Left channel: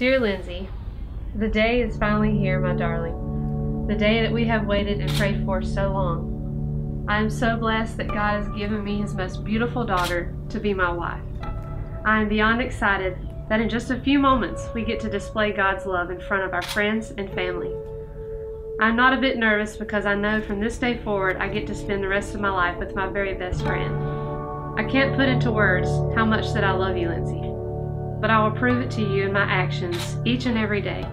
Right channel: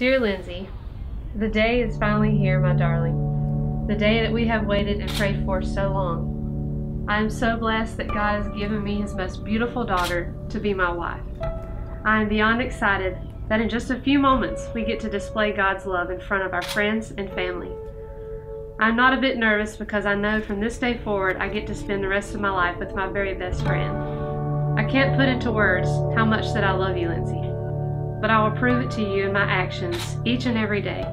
Dear Lindsay, the day is finally here, my darling. The day that we have waited and prayed for so long. I am so blessed that God has given me His most beautiful daughter to be my wife. I am beyond excited that in just a few moments we get to display God's love in front of our friends and family. I'm not a bit nervous because I know from this day forward I get to spend the rest of my life with my very best friend. I can't put into words how much that I love you, Lindsay, but I will prove it to you in my actions each and every day.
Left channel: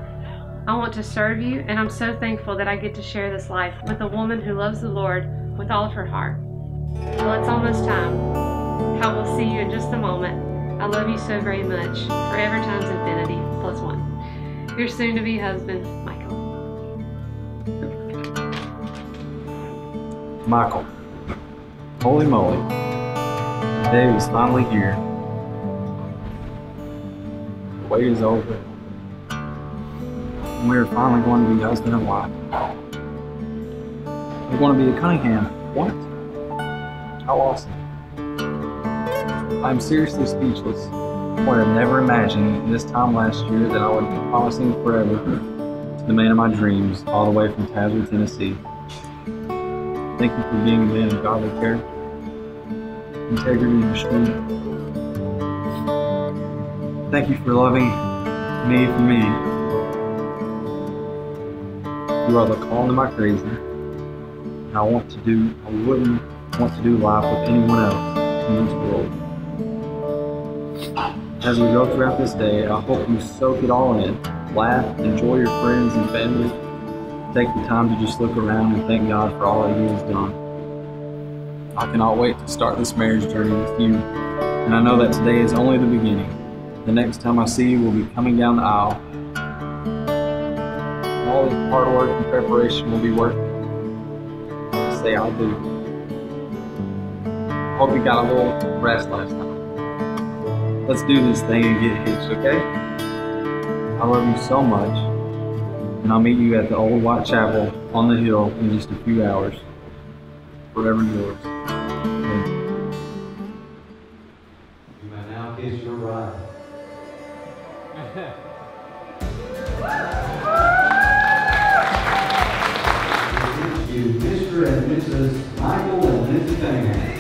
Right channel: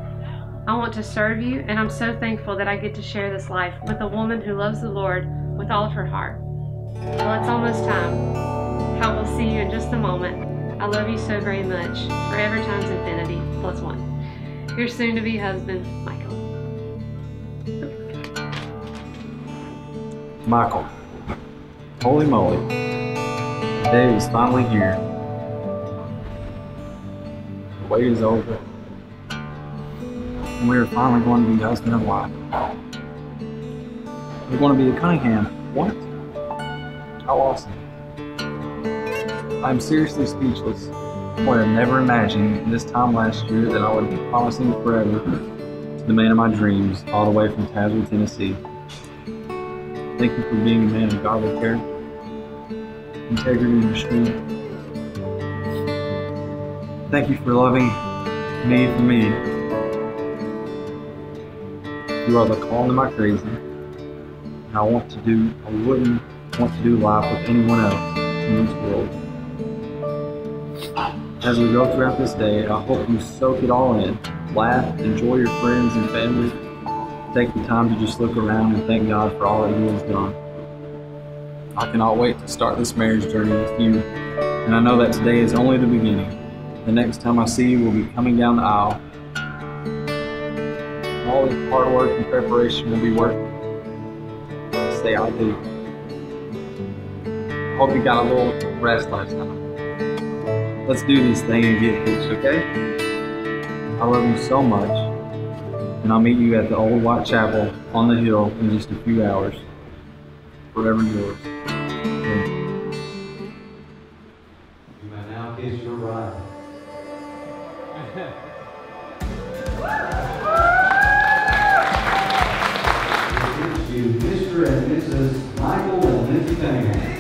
I want to serve you, and I'm so thankful that I get to share this life with a woman who loves the Lord with all of her heart. Well, it's almost time. I will see you in just a moment. I love you so very much. Forever times infinity plus one. Your soon-to-be husband, Michael. Michael, holy moly, the day is finally here. The wait is over, and we are finally going to be husband and wife. We're going to be a Cunningham. What? How awesome. I'm seriously speechless. I would have never imagined in this time last year that I would be promising forever to the man of my dreams all the way from Tazewell, Tennessee. Thank you for being a man of godly character, integrity, and strength. Thank you for loving me for me. You are the calm to my crazy, and I wouldn't want to do life with anyone else in this world. As we go throughout this day, I hope you soak it all in, laugh, enjoy your friends and family. Take the time to just look around and thank God for all that He has done. I cannot wait to start this marriage journey with you, and I know that today is only the beginning. The next time I see you will be coming down the aisle. And all this hard work and preparation will be worth it. Say I do. I hope you got a little rest last time. Let's do this thing and get hitched, okay? I love you so much. And I'll meet you at the old white chapel on the hill in just a few hours. Forever yours. You may now kiss your bride. You, Mr. and Mrs. Michael and Lindsay Cunningham.